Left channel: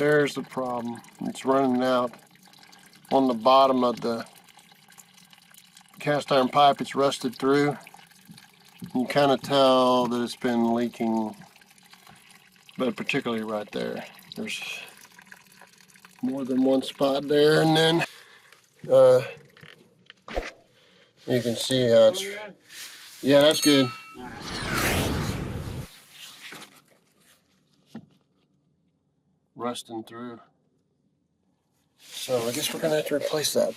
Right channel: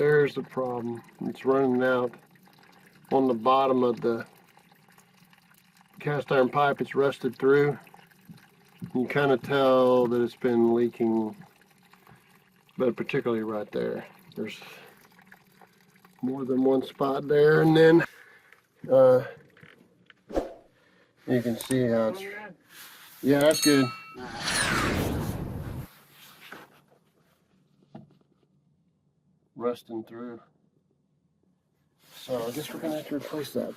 There's the problem. It's running out on the bottom of the cast iron pipe. It's rusted through. You can kind of tell that it's been leaking, but particularly right there. There's more than one spot there, and then you can see how it's, yeah, that's good. Rusting through. So I guess we're gonna have to replace that.